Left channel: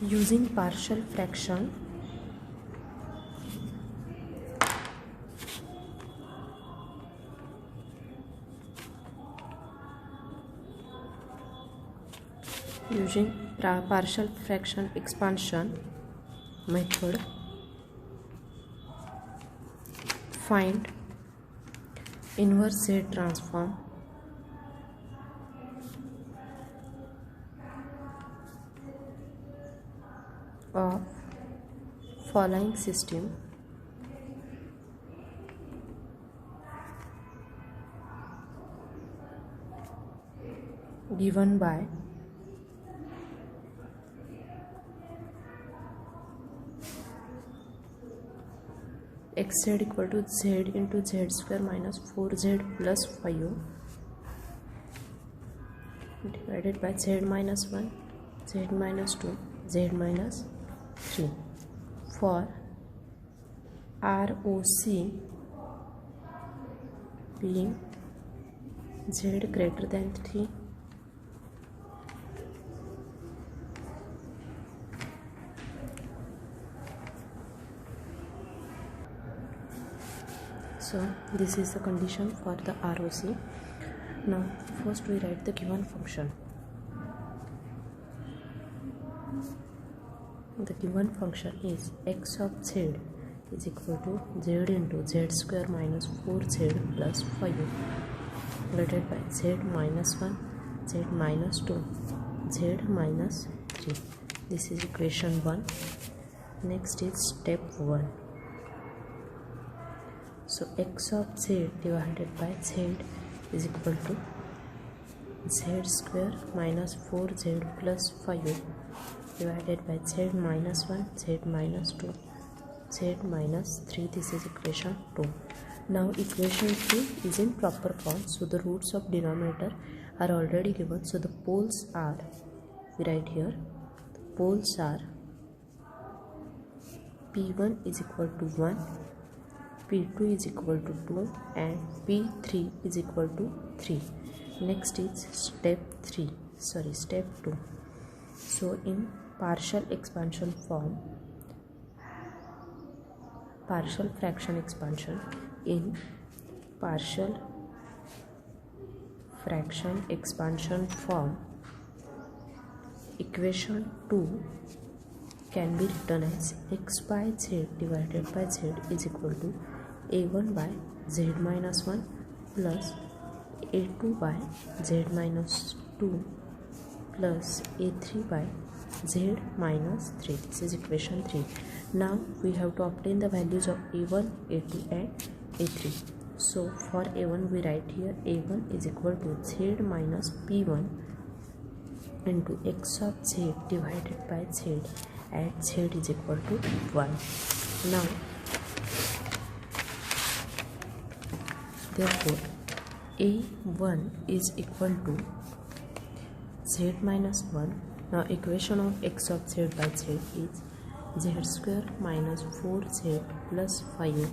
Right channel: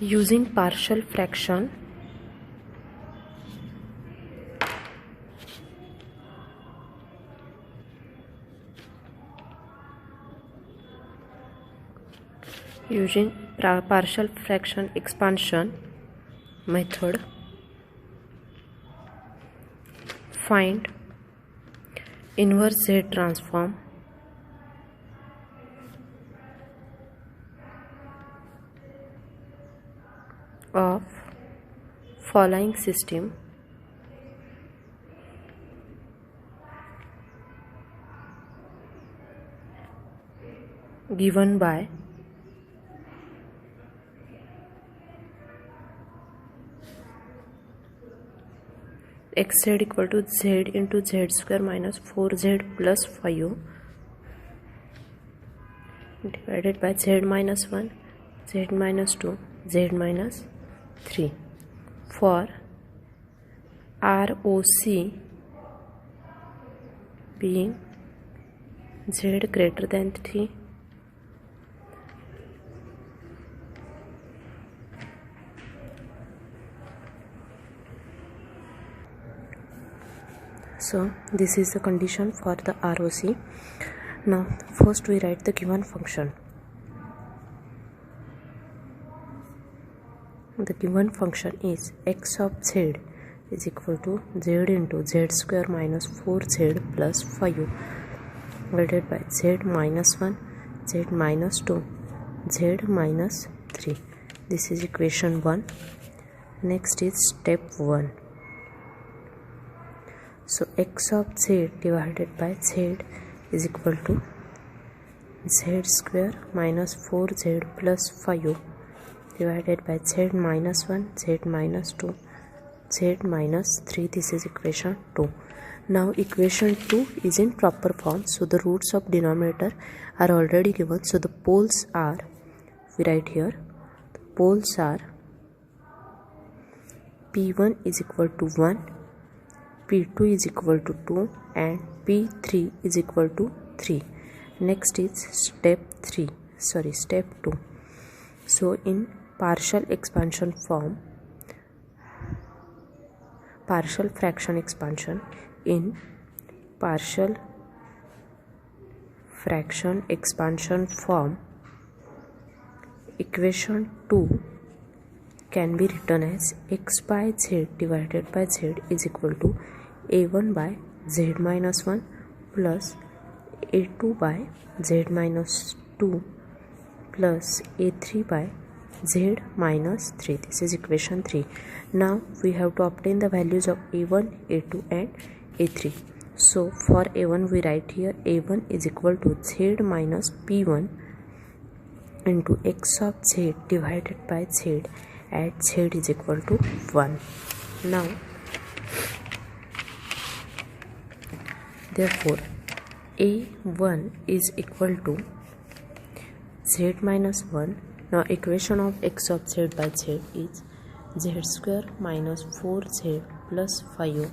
Using partial fraction, partial fraction expansion method, find inverse Z transform of following system. Given by xz equal to z into z square minus 4z plus 5 divided by z minus 1, z minus 2, z minus 3 for ROC being z greater than 3, so this is the condition for the ROC. Now first we write the given function. The given function is x of z is equal to z into z square minus 4z plus 5 divided by z minus 1, z minus 2, z minus 3. This is equation 1. Next is step 1. So x of z divided by z is equal to z square minus 4z plus 5 divided by z minus 1, z minus 2, z minus 3. This is equation 2. Now equation 2 is in proper form, so the roots of denominator are already given. So the poles are, we write here, the poles are p1 is equal to 1, p2 is equal to 2 and p3 is equal to 3. Next is step 2. So in partial expansion form, partial fraction expansion, in partial fraction expansion form, equation 2 can be written as x by z divided by z is equal to a1 by z minus 1 plus a2 by z minus 2 plus a3 by z minus 3. This is equation 3. Now we have to obtain the values of a1, a2 and a3. So for a1 we write here a1 is equal to z minus p1 into x of z divided by z at z is equal to 1. Now therefore a1 is equal to z minus 1. Now equation of x of z by z is z square minus 4z plus 5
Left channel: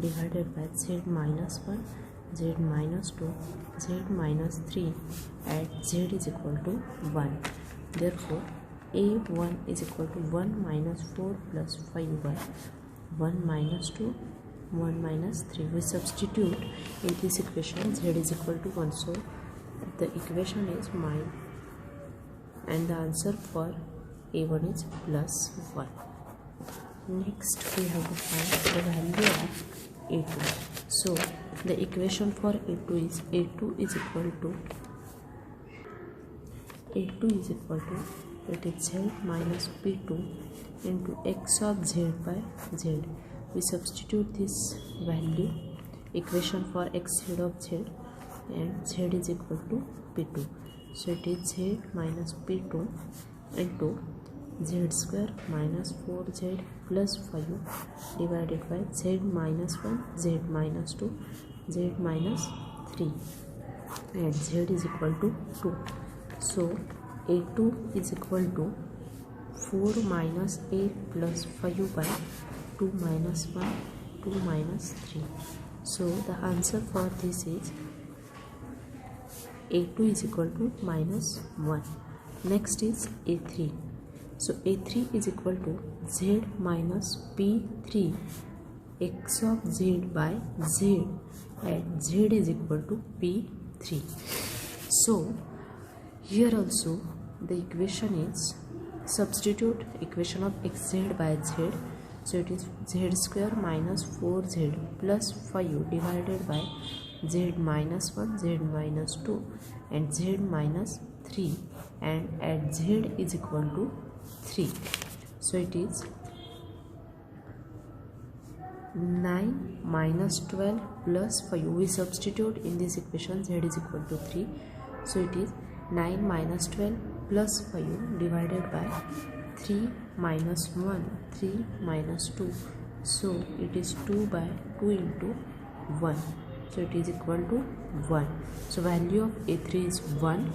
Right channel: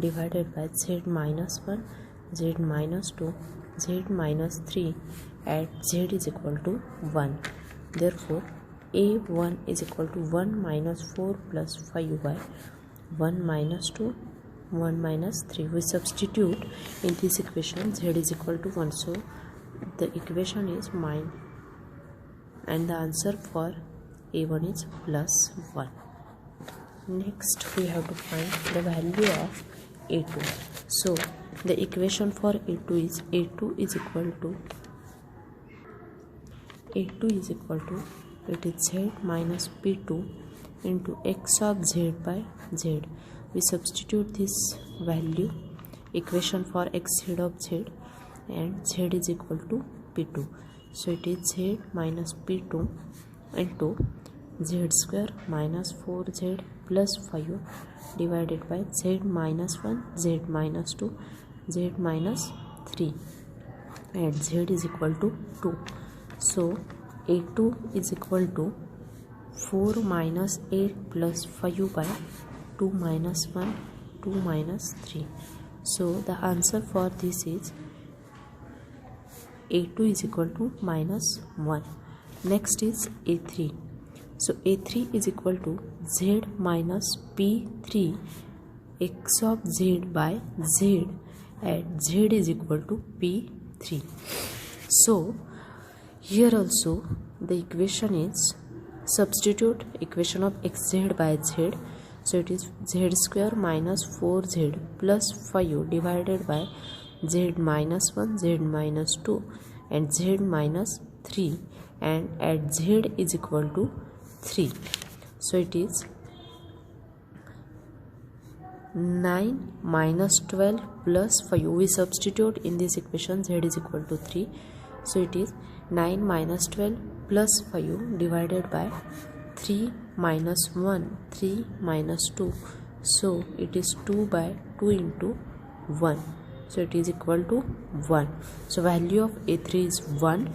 divided by z minus 1, z minus 2, z minus 3 at z is equal to 1. Therefore a1 is equal to 1 minus 4 plus 5 by 1 minus 2, 1 minus 3. We substitute in this equation z is equal to 1. So the equation is mine and the answer for a1 is plus 1. Next we have to find the value of a2. So the equation for a2 is equal to it is z minus p2 into x of z by z. We substitute this value, equation for xz of z, and z is equal to p2. So it is z minus p2 into z square minus 4z plus 5 divided by z minus 1, z minus 2, z minus 3 and z is equal to 2. So a2 is equal to 4 minus 8 plus 5 by 2 minus 1, 2 minus 3. So the answer for this is a2 is equal to minus 1. Next is a3. So A3 is equal to Z minus P3 x of Z by Z, and Z is equal to P3. So here also the equation is, substitute equation of xz by z. So it is z square minus 4z plus 5 divided by z minus 1, z minus 2 and z minus 3, and at z is equal to 3. So it is 9 minus 12 plus 5. We substitute in this equation z is equal to 3. So it is 9 minus 12 plus 5 divided by 3 minus 1, 3 minus 2. So it is 2 by 2 into 1. So it is equal to 1. So value of A3 is 1,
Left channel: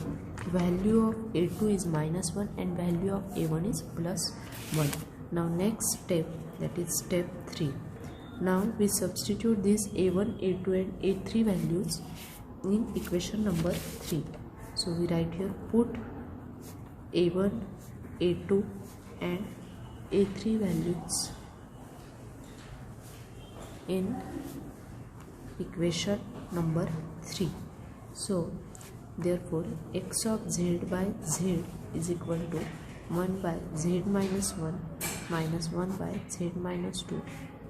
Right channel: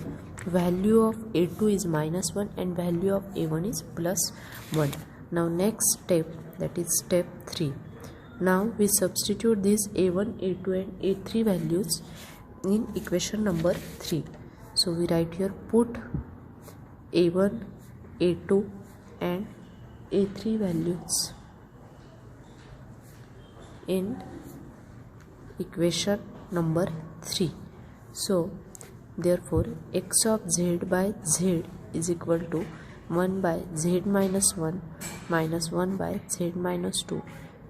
value of A2 is minus 1, and value of A1 is plus 1. Now next step, that is step 3. Now we substitute these A1, A2 and A3 values in equation number 3. So we write here, put A1, A2 and A3 values in equation number 3. So therefore x of z by z is equal to 1 by z minus 1 minus 1 by z minus 2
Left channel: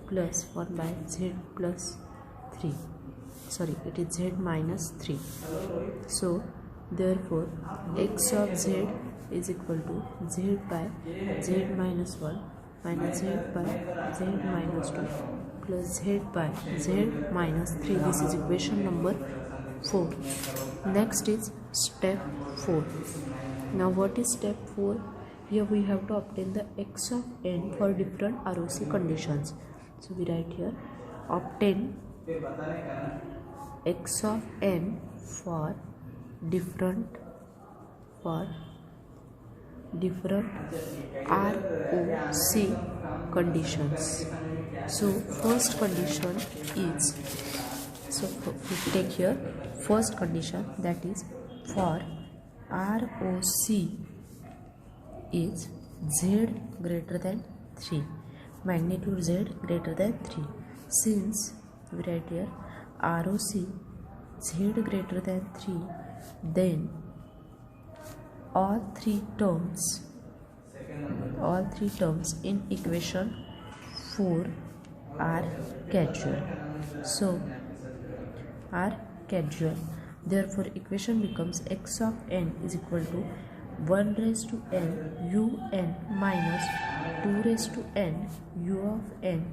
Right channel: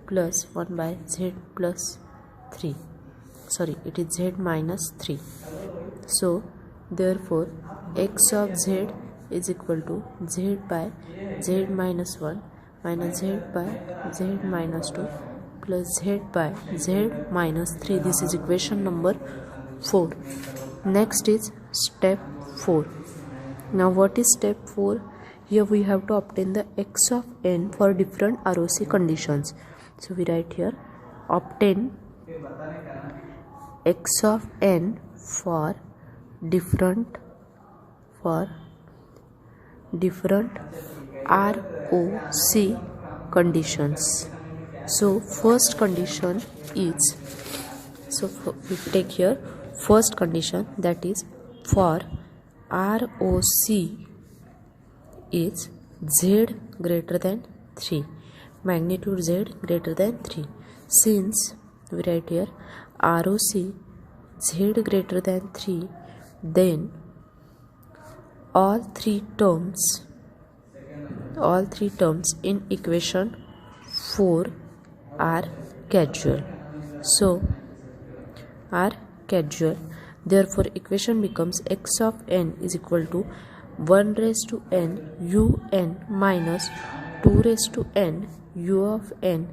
plus 1 by z plus 3. Sorry, it is z minus 3. So therefore x of z is equal to z by z minus 1 minus z by z minus 2 plus z by z minus 3. This is equation number 4. Next is step 4. Now what is step 4? Here we have to obtain the x of n for different ROC conditions. So we write here, obtain x of n for different ROC conditions. So first condition is, so we take here first condition, that is for ROC is z greater than 3, magnitude z greater than 3. Since we write here ROC z greater than 3, then all three terms in equation 4 are casual. So are casual. Therefore equation becomes x of n is equal to 1 raised to n un minus 2 raised to n u of n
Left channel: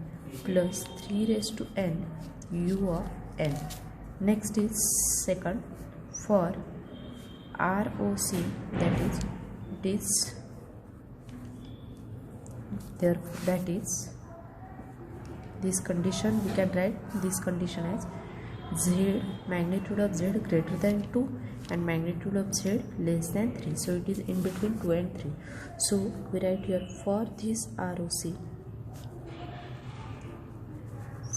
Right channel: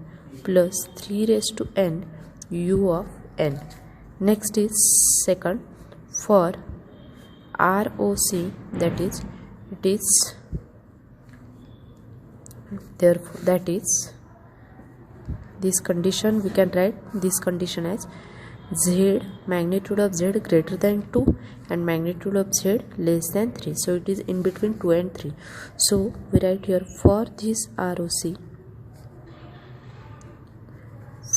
plus 3 raised to n u of n. Next is second, for ROC, that is it is, therefore that is this condition, we can write this condition as z, magnitude of z greater than 2 and magnitude of z less than 3. So it is in between 2 and 3. So we write here, for this ROC,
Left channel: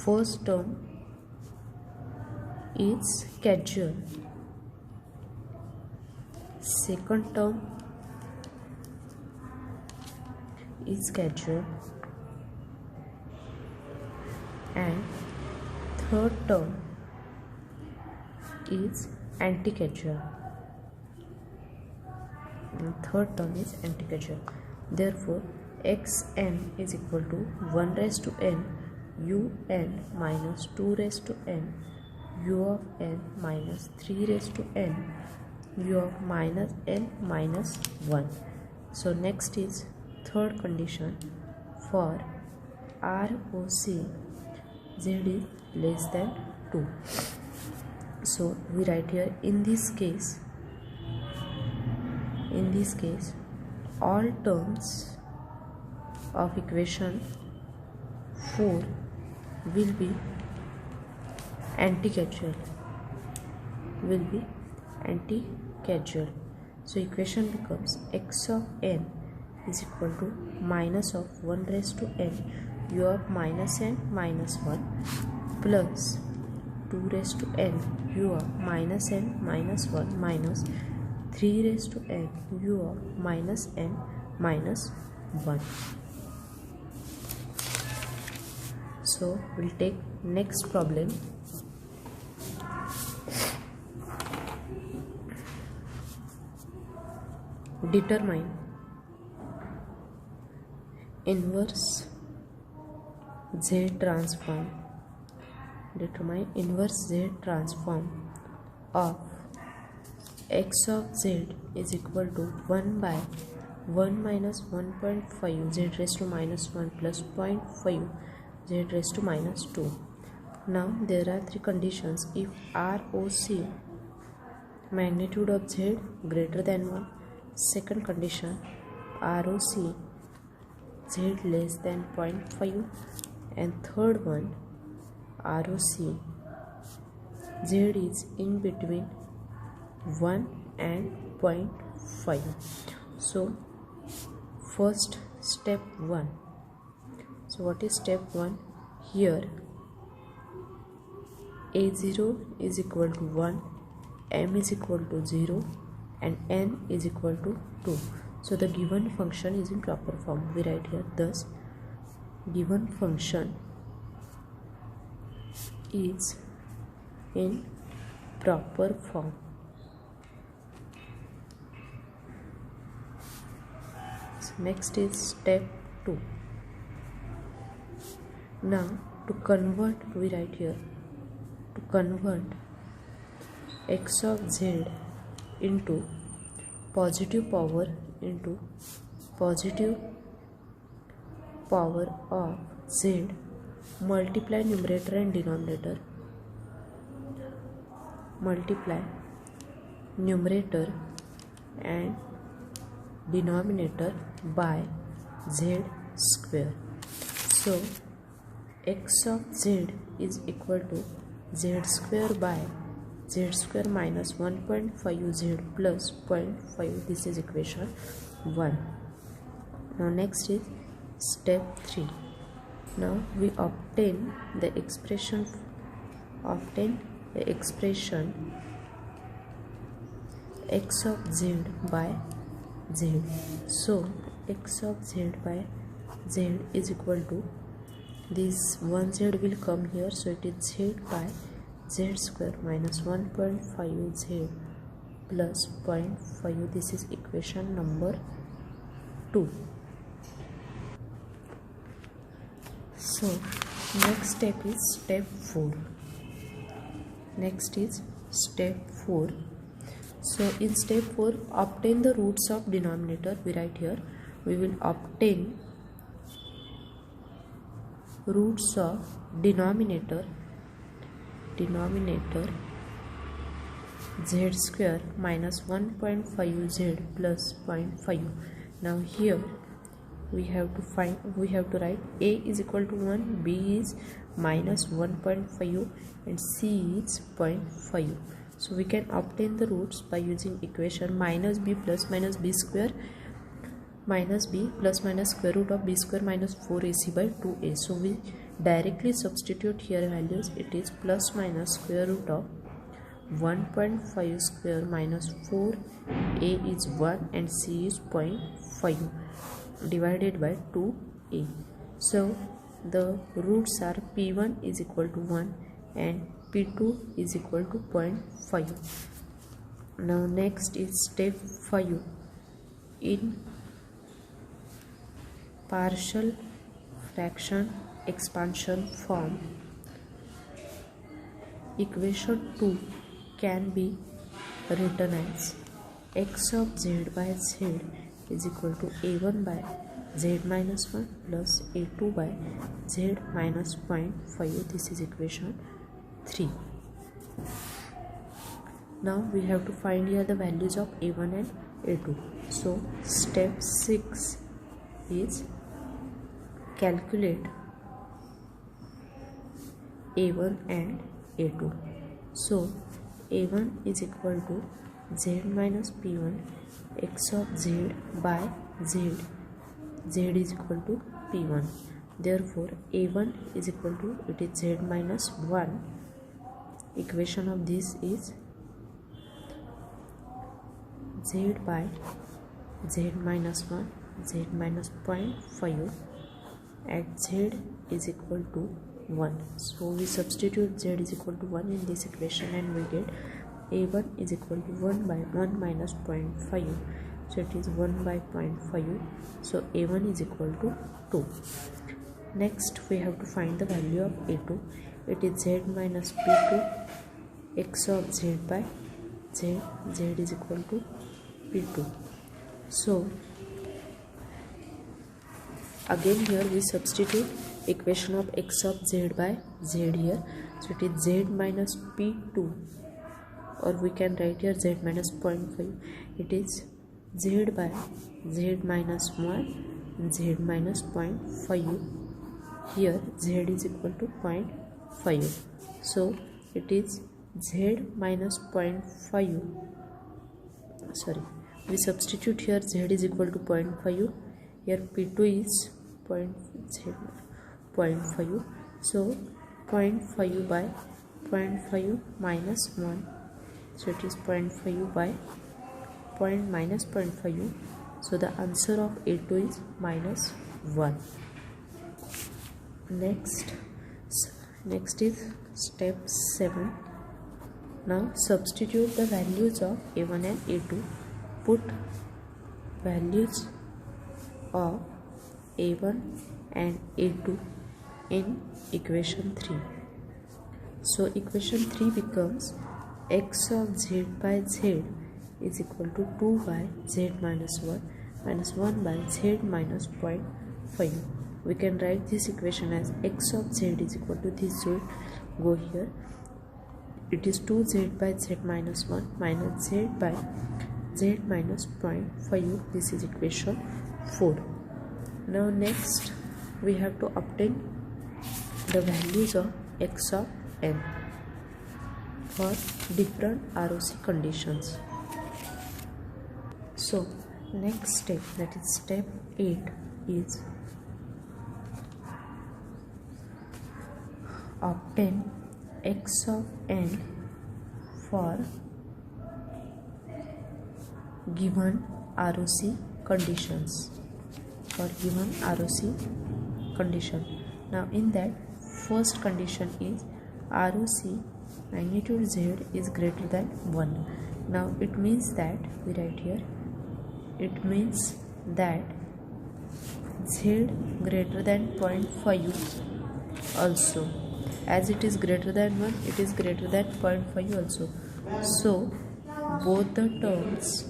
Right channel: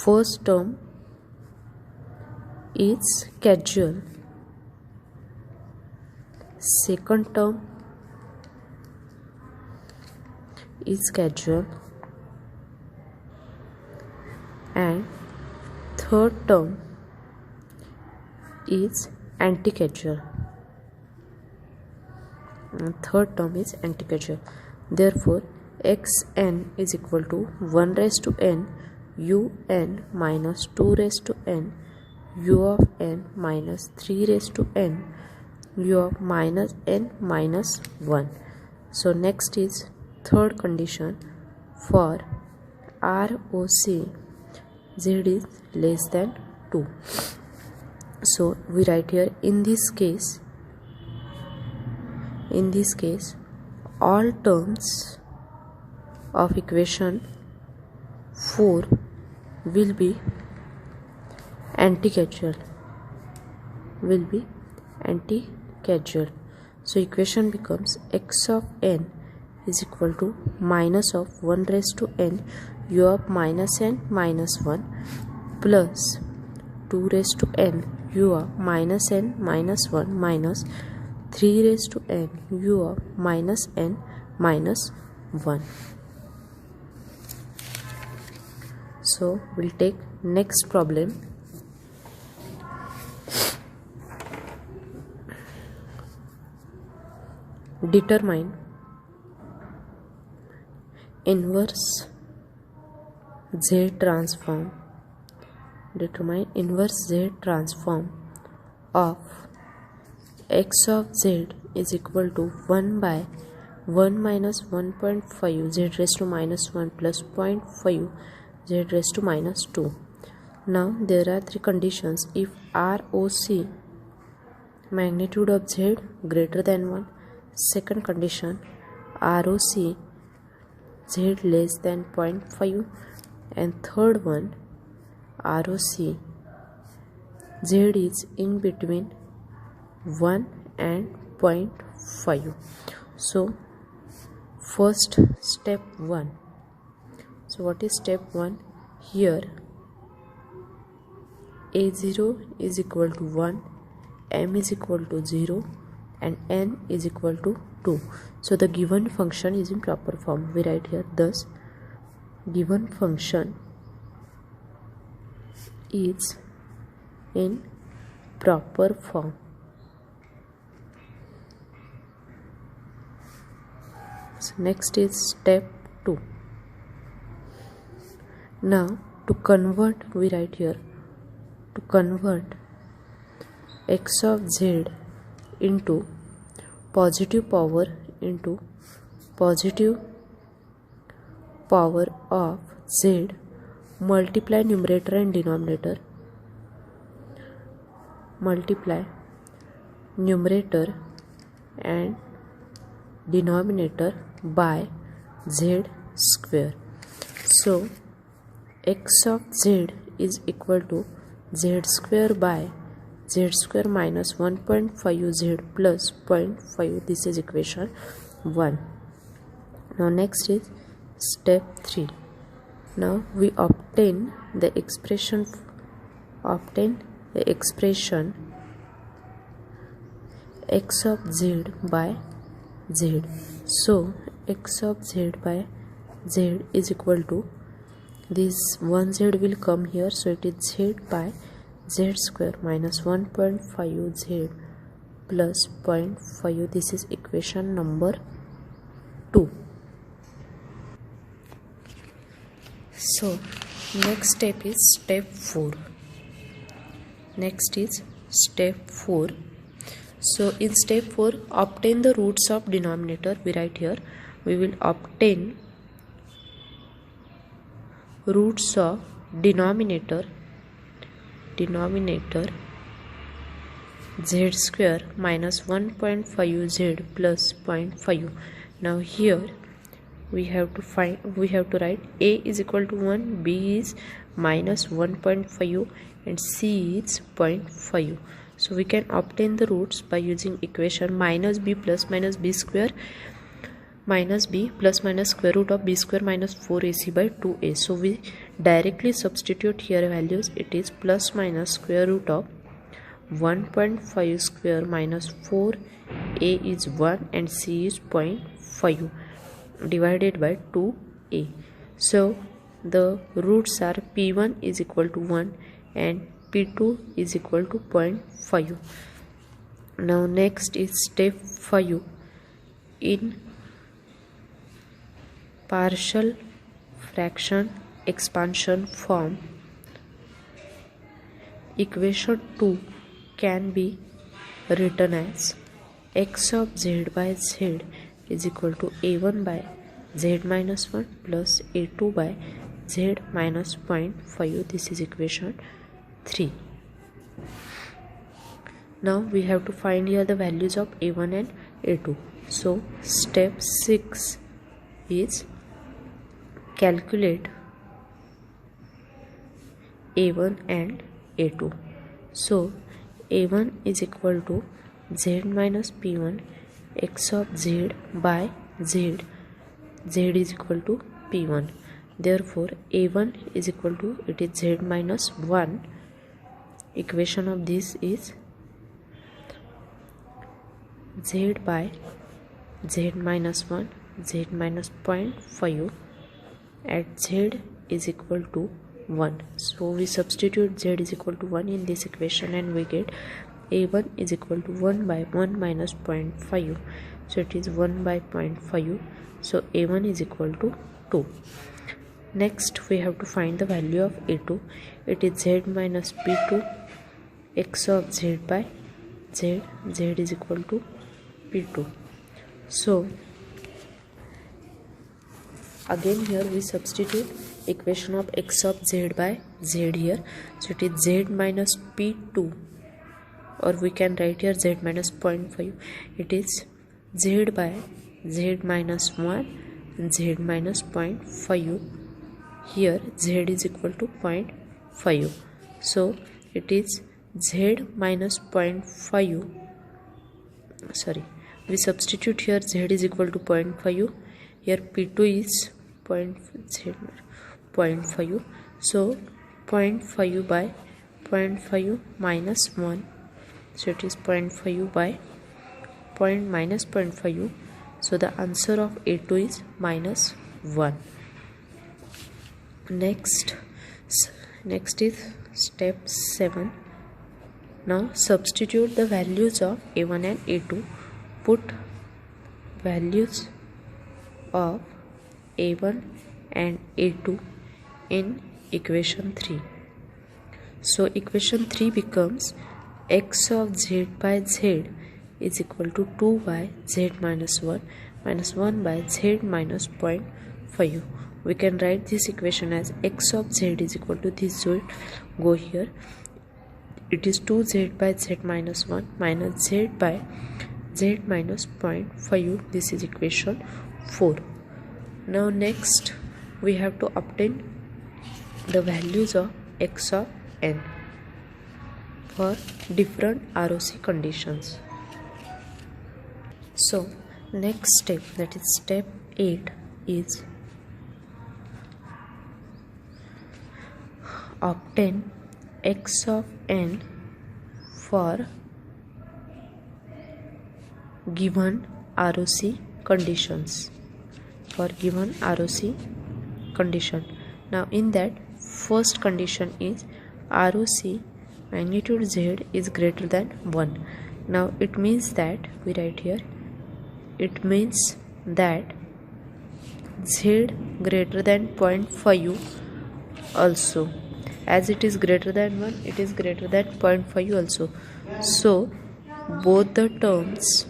first term is casual, second term is casual, and third term is anti-casual. Therefore xn is equal to 1 raised to n un minus 2 raised to n u of n minus 3 raised to n u of minus n minus 1. So next is third condition, for ROC z is less than 2. So we write here, in this case all terms of equation 4 will be anti-casual. So equation becomes x of n is equal to minus of 1 raised to n u of minus n minus 1 plus 2 raised to n u of minus n minus 1 minus 3 raised to n u of minus n minus 1. So we'll take next problem. Determine inverse Z transform. Determine inverse Z transform of x of z is equal to 1 by 1 minus 1.5 z raised to minus 1 plus 0.5 z raised to minus 2. Now there are three conditions. If ROC magnitude of z greater than 1, second condition ROC z less than 0.5, and third one ROC z is in between 1 and 0.5. So first step 1. So what is step 1? Here a0 is equal to 1, m is equal to 0, and n is equal to 2. So the given function is in proper form. We write here, thus given function is in proper form. So next is step 2. Now to convert, we write here, to convert x of z into positive power into positive power of z, multiply numerator and denominator, multiply numerator and denominator by z square. So x of z is equal to z square by z square minus 1.5 z plus 0.5. This is equation 1. Now next is step 3. Now we obtain the expression x of z by z. So x of z by z is equal to, this 1z will come here, so it is z by z square minus 1.5 z plus 0.5. This is equation number 2. So next step is step 4. Next is step 4. So in step 4, obtain the roots of denominator. We write here, we will obtain roots of denominator z square minus 1.5 z plus 0.5. Now here we have to write a is equal to 1, b is minus 1.5, and c is 0.5. So we can obtain the roots by using equation minus b plus minus b square minus b plus minus square root of b square minus 4ac by 2a. So we directly substitute here values. It is plus minus square root of 1.5 square minus 4, a is 1 and c is 0.5 divided by 2a. So the roots are p1 is equal to 1 and p2 is equal to 0.5. Now next is step 5. In partial fraction expansion form, equation 2 can be written as x of z by z is equal to a1 by z minus 1 plus a2 by z minus 0.5. This is equation 3. Now we have to find here the values of a1 and a2. So step 6 is calculate a1 and a2. So a1 is equal to z minus p1 x of z by z. Z is equal to p1. Therefore a1 is equal to, it is z minus 1. Equation of this is z by z minus 1 z minus 0.5 at z is equal to 1. So we substitute z is equal to 1 in this equation and we get a1 is equal to 1 by 1 minus 0.5. So it is 1 by 0.5. So a1 is equal to 2. Next we have to find the value of a2. It is z minus p2 x of z by z. Z is equal to p2. So again here we substitute equation of x of z by z here. So it is z minus p2, or we can write here z minus 0.5. It is z by z minus 1 z minus 0.5. Here z is equal to 0.5. So it is z minus 0.5. Sorry, we substitute here z is equal to 0.5. Here p2 is 0.5. So 0.5 by 0.5 minus 1. So it is 0.5 by minus 0.5. So the answer of a2 is minus 1. Next is step 7. Now substitute the values of a1 and a2. Put values of a1 and a2 in equation 3. So equation 3 becomes x of z by z is equal to 2 by z minus 1 minus 1 by z minus 0.5. We can write this equation as x of z is equal to this, so it go here. It is 2z by z minus 1 minus z by z minus 0.5. This is equation 4. Now next we have to obtain the values of x of n for different ROC conditions. So next step, that is step 8, is obtain x of n for given ROC conditions. For given ROC condition. Now in that, first condition is ROC magnitude z is greater than 1. Now it means that, we write here, it means that z greater than 0.5 also. As it is greater than 1, it is greater than 0.5 also. So both the terms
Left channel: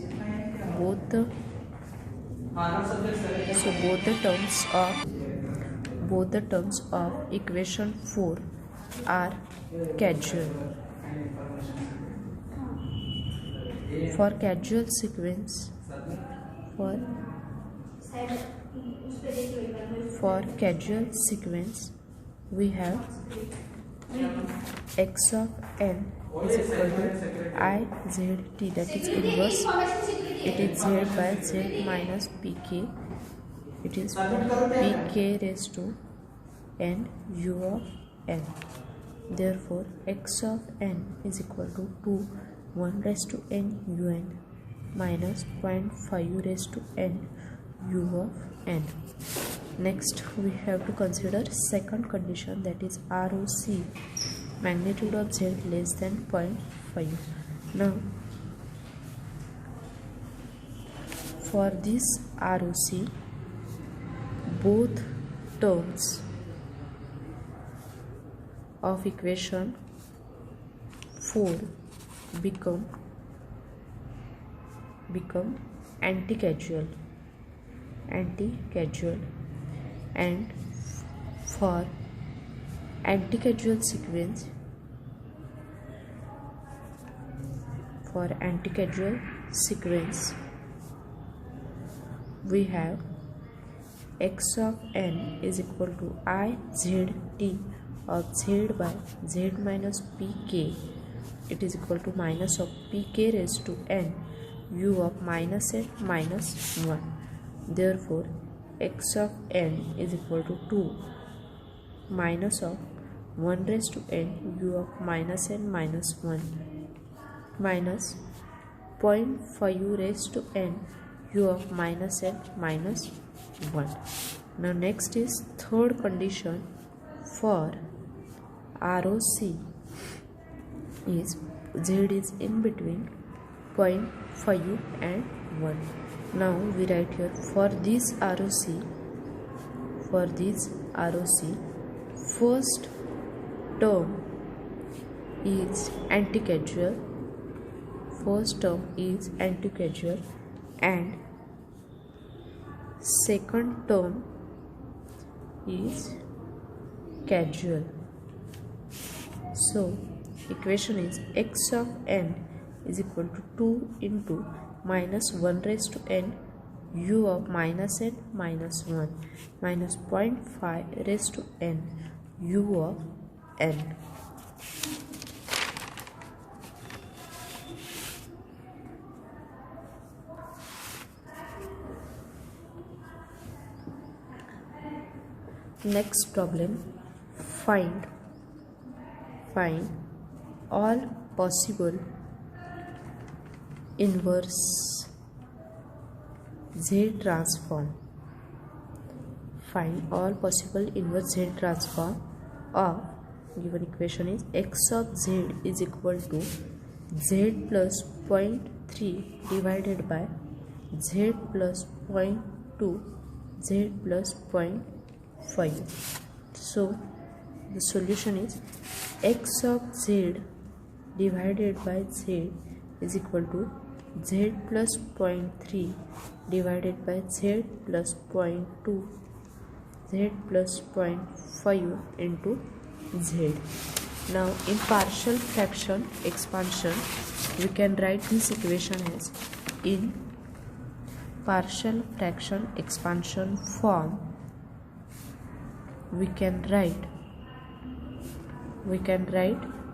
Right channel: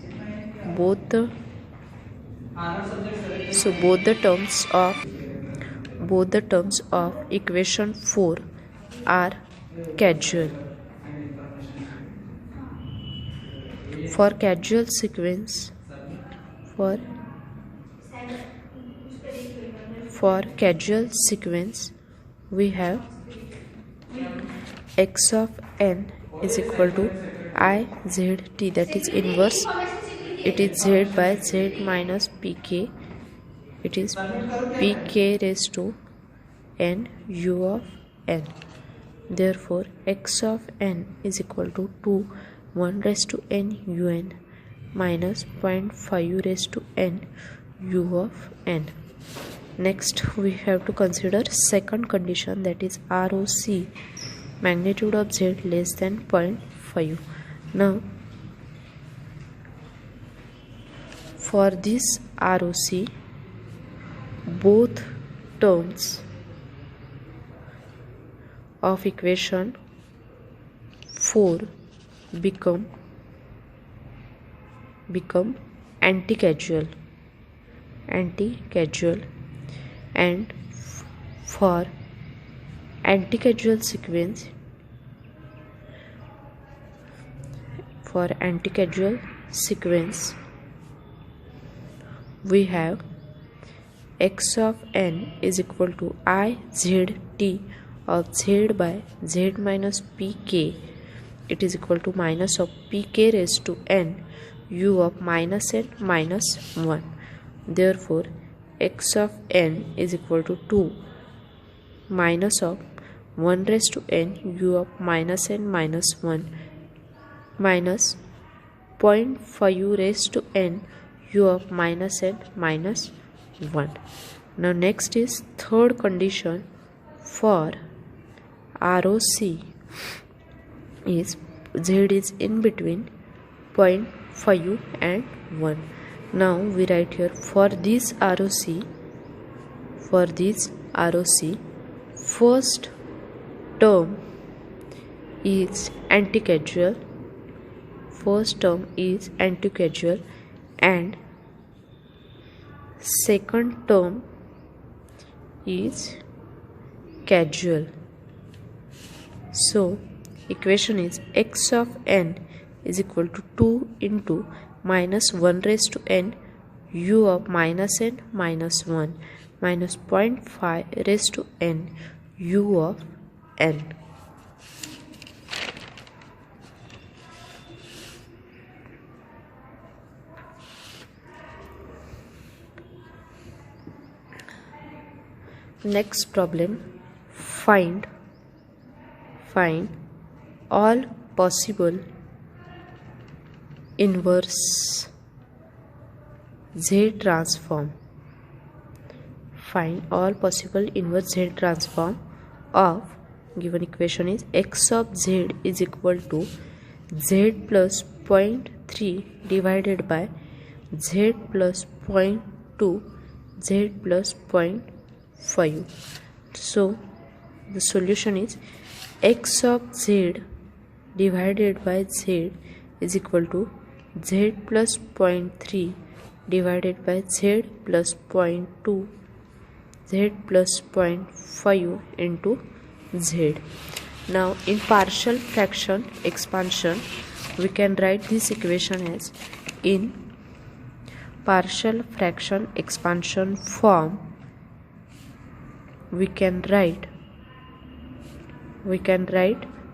of equation 4 are casual. For casual sequence, we have x of n is equal to IZT, that is inverse. It is z by z minus pk. It is pk raised to n u of n. Therefore x of n is equal to 2 1 raised to n un minus 0.5 raised to n u of n. Next we have to consider second condition, that is ROC magnitude of z less than 0.5. Now for this ROC, both terms of equation 4 become anti-casual, and for anti-casual sequence, we have x of n is equal to IZT of z by z minus pk. It is equal to minus of pk raised to n u of minus n minus 1. Therefore x of n is equal to 2 minus of 1 raised to n u of minus n minus 1 minus 0.5 raised to n u of minus n minus 1. Now next is third condition for ROC is z is in between 0.5 and 1. Now we write here for this ROC, first term is anti-causal, and second term is causal. So equation is x of n is equal to 2 into minus 1 raised to n u of minus n minus 1 minus 0.5 raised to n u of n. Next problem, find all possible inverse Z transform. Find all possible inverse Z transform of given equation is x of z is equal to z plus 0.3 divided by z plus 0.2 z plus 0.5. So the solution is x of z divided by z is equal to z plus 0.3 divided by z plus 0.2 z plus 0.5 into z. Now in partial fraction expansion we can write this equation as in partial fraction expansion form. We can write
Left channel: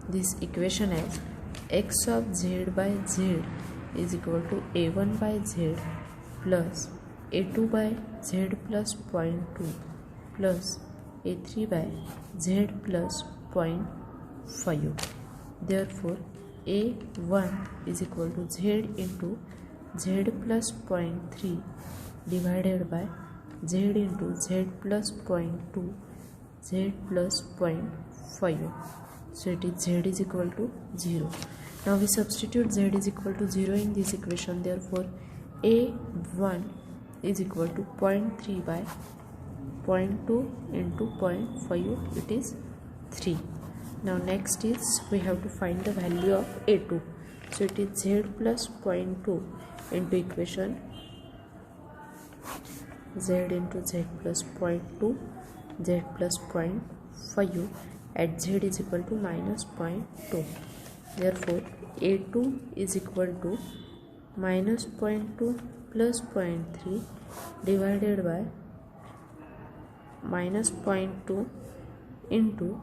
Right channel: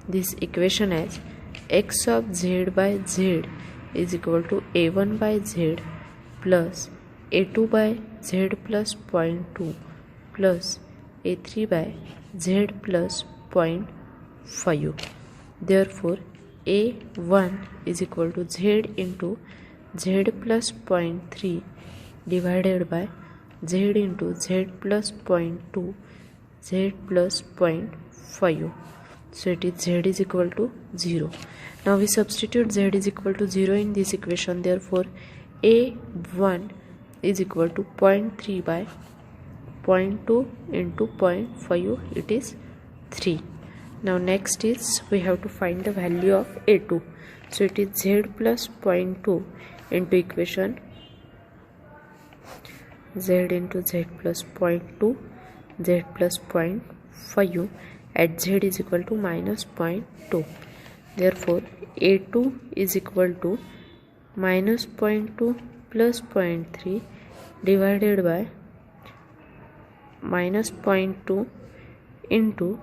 this equation as x of z by z is equal to a1 by z plus a2 by z plus 0.2 plus a3 by z plus 0.5. Therefore a1 is equal to z into z plus 0.3 divided by z into z plus 0.2 z plus 0.5. So it is z is equal to 0. Now we substitute z is equal to 0 in this equation. Therefore a1 is equal to 0.3 by 0.2 into 0.5, it is 3. Now next is we have to find the value of a2. So it is z plus 0.2 into equation z into z plus 0.2 z plus 0.5 at z is equal to minus 0.2. Therefore a2 is equal to minus 0.2 plus 0.3 divided by minus 0.2 into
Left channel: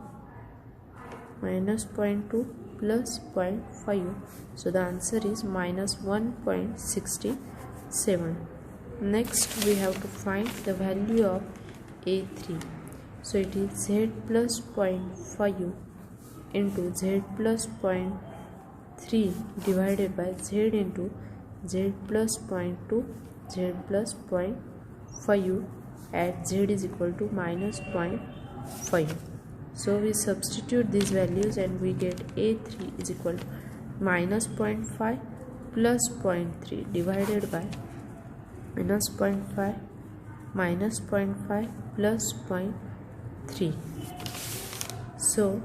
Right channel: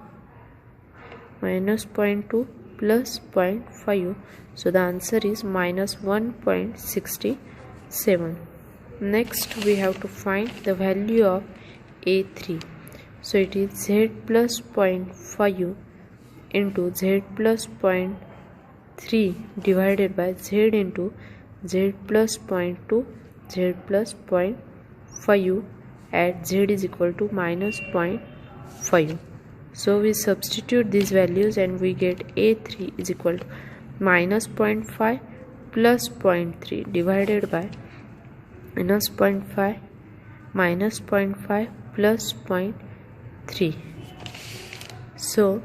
minus 0.2 plus 0.5. So the answer is minus 1.67. Next we have to find the value of a3. So it is z plus 0.5 into z plus 0.3 divided by z into z plus 0.2 z plus 0.5 at z is equal to minus 0.5. So we substitute these values and we get a3 is equal to minus 0.5 plus 0.3 divided by minus 0.5 minus 0.5 plus 0.3. So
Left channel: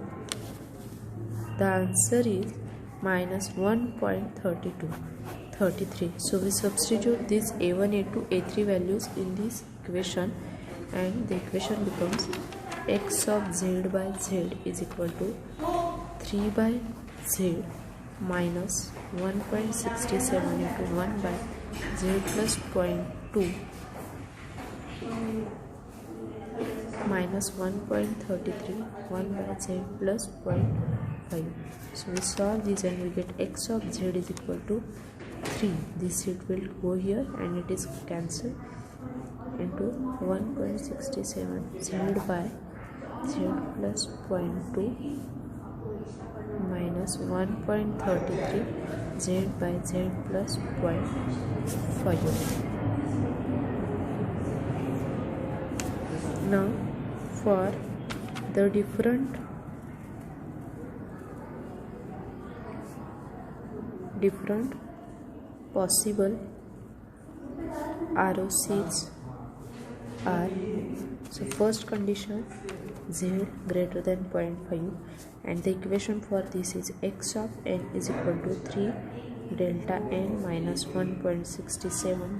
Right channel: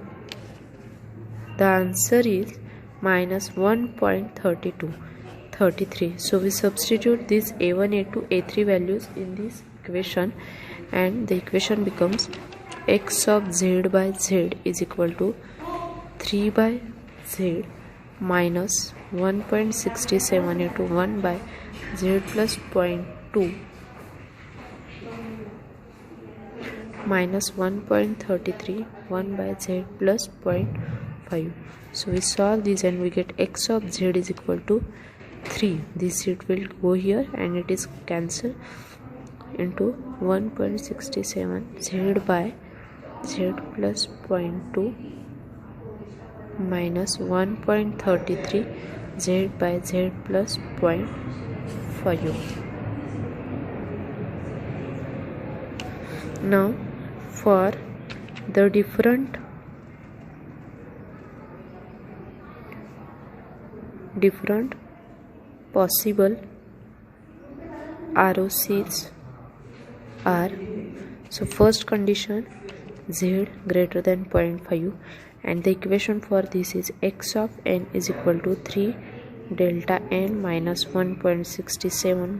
the answer is minus 1.33. So we substitute these a1, a2, a3 values in this equation and the equation becomes x of z by z is equal to 3 by z minus 1.67 into 1 by z plus 0.2 minus 1.33 1 by z plus 0.5. So we solve this and we get x of z is equal to 3. This seed will go here and it is cancelled into 1.67 z by z plus 0.2 minus 1.33 z by z plus 0.5. Now for the different possible ROCs are, so first condition z greater than 0.5, and the equation for this is x of n is equal to 3 delta n minus 1.67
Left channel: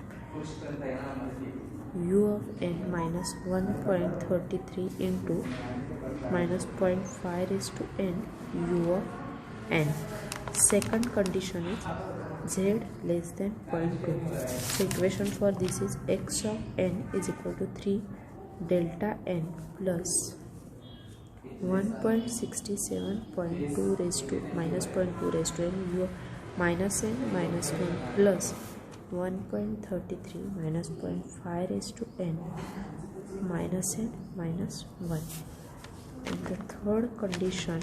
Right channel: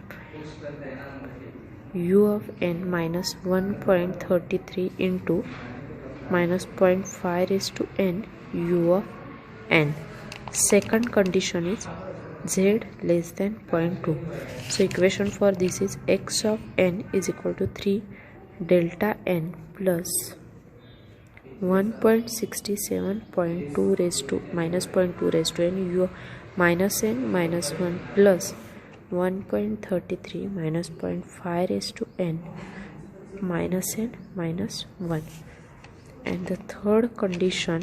u of n minus 1.33 into minus 0.5 raised to n u of n. Second condition is z less than 0.2. So equation for this is x of n is equal to 3 delta n plus 1.67.2 raised to minus 0.2 raised to n u minus n minus 1 plus 1.33 minus 0.5 raised to n minus n minus 1. And the third condition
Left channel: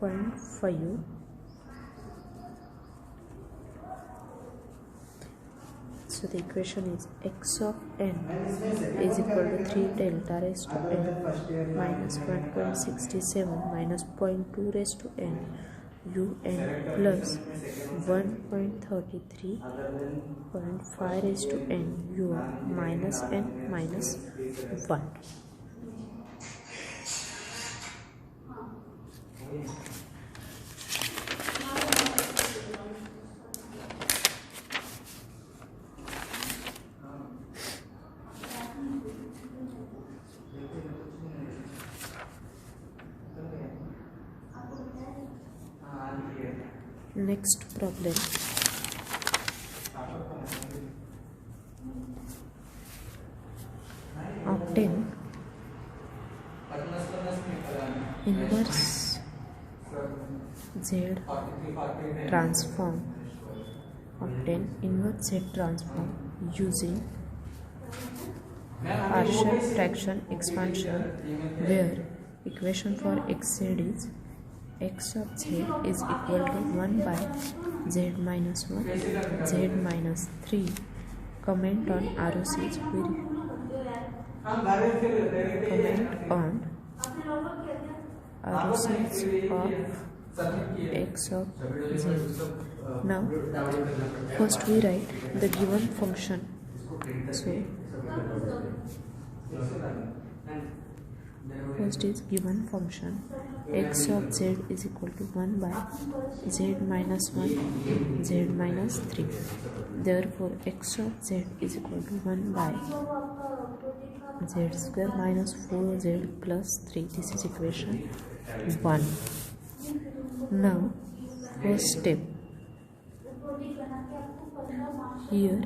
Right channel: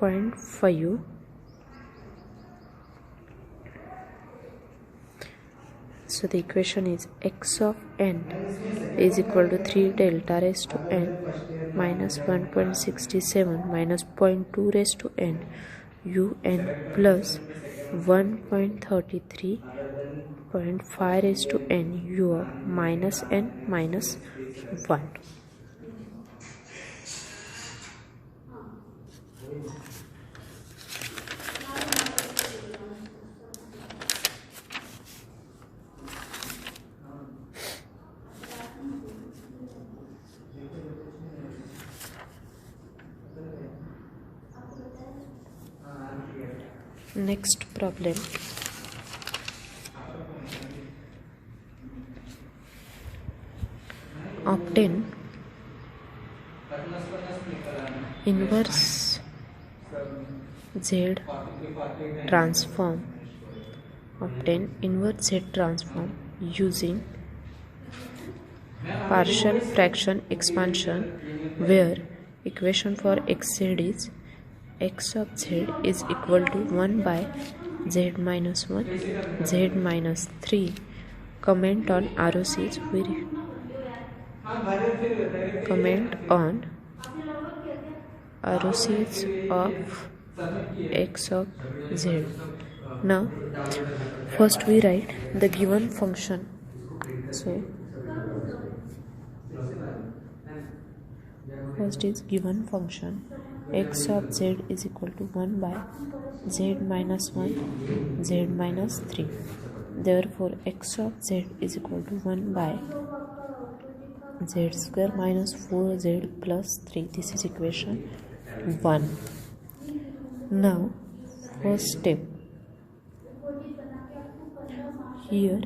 0.5, so the equation is x of n is equal to 3 delta raised to n minus 1.67 minus 0.2 raised to n u n plus 1.33.5 raised to n u of minus n minus 1. Next problem. Obtain inverse Z transform. Obtain inverse Z transform using partial fraction expansion, where equation for xz is x of z is equal to 1 by z minus 1 z minus 3. Comment on ROCs. We comment on ROCs of x of z. Now first we write the given function. So first is given function x of z is equal to 1 by z minus 1 z minus 3. Therefore x of z is equal to 1 by z square minus 4z plus 3. This is equation 1. Now first step, here